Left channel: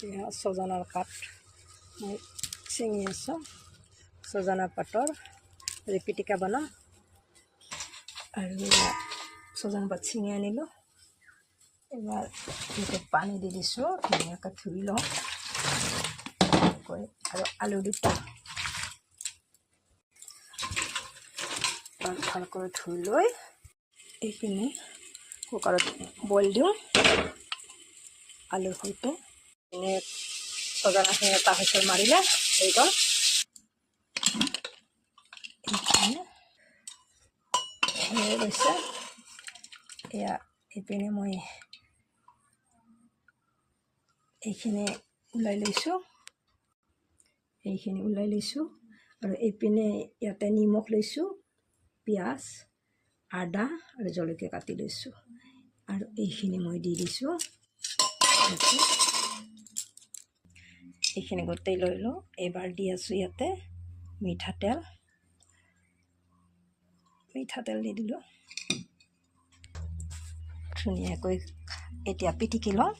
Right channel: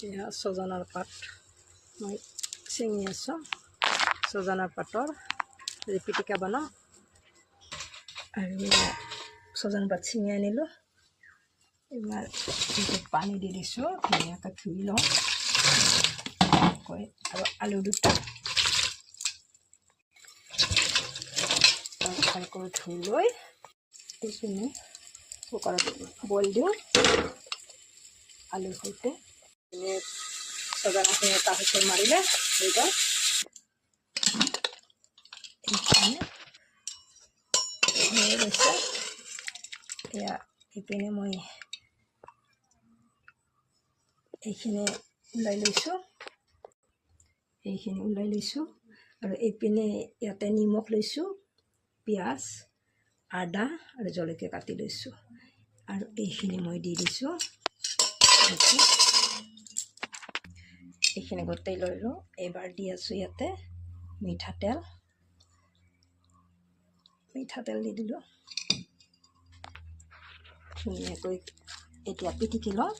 এয়া ছজনাৰ পাত মই ছিঙি আছোঁ। ছজনাৰ পাতৰ পিটিকা বনাম। আৰু ছজনা পাত ছিঙি আনিলোঁ। এবাৰ পানী দি দিছোঁ, ধুনীয়াকৈ ধুই লওঁ। আৰু আলু দুটা ভালকৈ ধুই লৈ এইখিনি কুকাৰত বইল দিওঁ আলুৰ সৈতে। ছজনাখিনি এটা হুইচেল মাৰিলে হৈ গ'ল। এইখিনি হৈ গৈছে। এয়া এইপিনে মই এইখিনি ওলাই লৈছোঁ। আৰু এইপিনে ইয়াতে নিমখ লৈছোঁ, পিঁয়াজ, আদা আৰু জলকীয়া কাটি লৈছোঁ। আৰু এইখিনি মই দি দিছোঁ। এইখিনি গোটেই লৈ লওঁ। এইবাৰ দি আছোঁ ইয়াতে মিঠাতেল দি দিলোঁ। ধুনীয়াকৈ এতিয়া পিটিকি লওঁ।